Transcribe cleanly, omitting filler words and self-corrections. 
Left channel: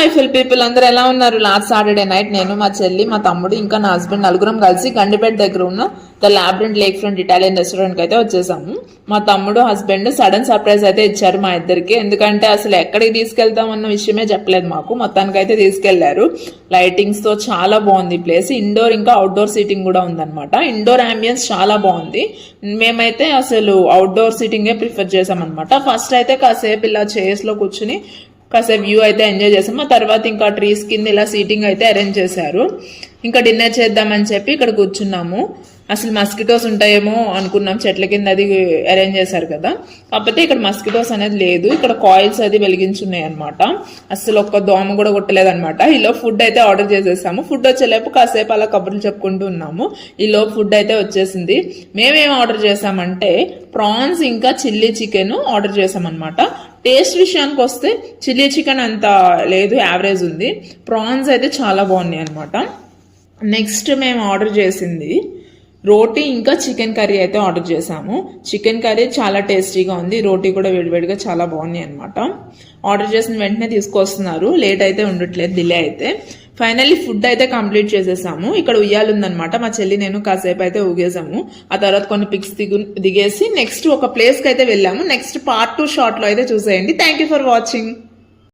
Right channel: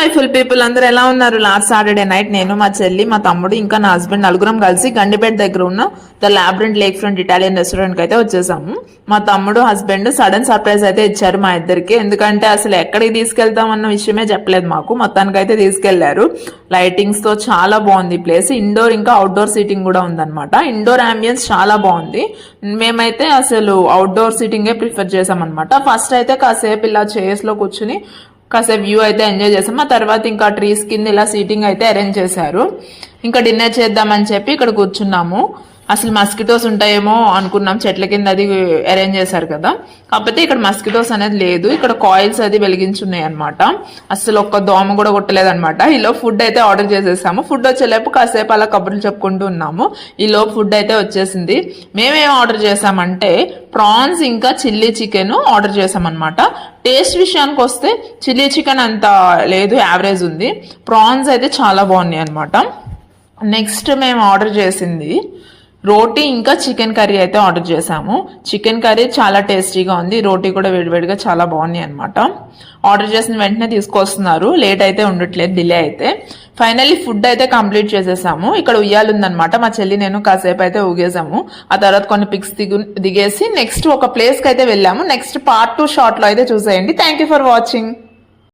Joyful people అందరూ ఎలా ఉన్నారు? లాస్ట్ సాటర్డే నైట్ నేను, మా చెల్లి, మా తమ్ముడు ఇంకా నా హస్బెండ్ నలుగురం కలిసి గండిపేట దగ్గర ఉన్న the Labrent lake front Italian restaurant కి అయితే వచ్చేసాము. మా తమ్ముడు హస్బెండ్ సడన్ సర్ప్రైజ్ అయితే ఇచ్చారు మా ఇద్దరికి. ఎందుకంటే అసలు ఎక్కడికి తీసుకెళ్తాం అన్న విషయమే చెప్పలేదు మాకు. మొత్తానికి అయితే తీసుకెళ్లారు. లైటింగ్స్ తో చాలా బాగుంది ప్లేస్. ఇండోర్ ఇంకా అవుట్డోర్ సీటింగ్ కూడా ఉందన్నమాట. ఇండోర్ అంబియన్స్ చాలా బాగుంది. మేమైతే అసలు అవుట్డోర్ సీటింగే ప్రిఫర్ చేసాం అనమాట. ఫస్ట్ అయితే కాసేపు ఇలా చైర్స్ లో కూర్చుని కాసేపు వ్యూ అయితే ఎంజాయ్ చేసాం. ఆ తర్వాత ఇంకా ట్రీస్ కింద ఇలా సీటింగ్ అయితే అరేంజ్ చేశారు. ఇంకా డిన్నర్ చేద్దామని చెప్పి ఇక్కడ కూర్చున్నాము. అసలు మస్కిటోస్ ఉంటాయేమో అనుకున్నాం, చెట్ల కింద అది అరేంజ్ చేశారు కదా. కాకపోతే ఇక్కడ మస్కిటోస్ అనేది లేదు. ఇక్కడ కాయిల్స్ అది వెలిగించున్నాయి అనమాట. అసలు ఒక్క దోమ కూడా కొట్టలేదు అనమాట. ఈలో ఫుడ్ అయితే ఆర్డర్ చేసేసాము. ఫుడ్ వచ్చేలేపు కాసేపు అలా కబుర్లు చెప్పుకుంటూ ఉన్నాము. ఈలో ఫుడ్ అయితే వచ్చేసింది. మేమేం ఆర్డర్ చేసామంటే ప్రాన్స్ ఇంకా చిల్లీ చికెన్ ఆర్డర్ చేసామన్నమాట. టేస్ట్ విషయానికి వస్తే చిల్లీ చికెన్ అంత లేదు, యావరేజ్ ఉంది. ప్రాన్స్ అయితే చాలా బాగున్నాయి అనమాట. నెక్స్ట్ మేము ఆర్డర్ చేసింది రోటీ ఇంకా చికెన్ కర్రీ అయితే ఆర్డర్ చేసాము. చికెన్ కర్రీ చాలా టేస్టీగా ఉంది. రోటీ కూడా వేడివేడిగా చాలా బాగున్నాయి అనమాట. ఆర్డర్ చేసిన వెంటనే తీసుకొస్తున్నారు. లేట్ అయితే ఉండట్లేదు, డిలే అయితే. ఫైనల్లీ ఫుడ్ అయితే కంప్లీట్ చేసేసాము. ఇక్కడ ఉయ్యాలు ఉందనమాట. మా చెల్లి నేను కాసేపు అయితే ఊగేసాము. ఆ తర్వాత కొన్ని పిక్స్ దిగేసి నెక్స్ట్ ఒక ప్లేస్కి అయితే వెళ్ళాము. నెక్స్ట్ పార్ట్ 2 షార్ట్లో అయితే చూసేయండి. Thank you for watching.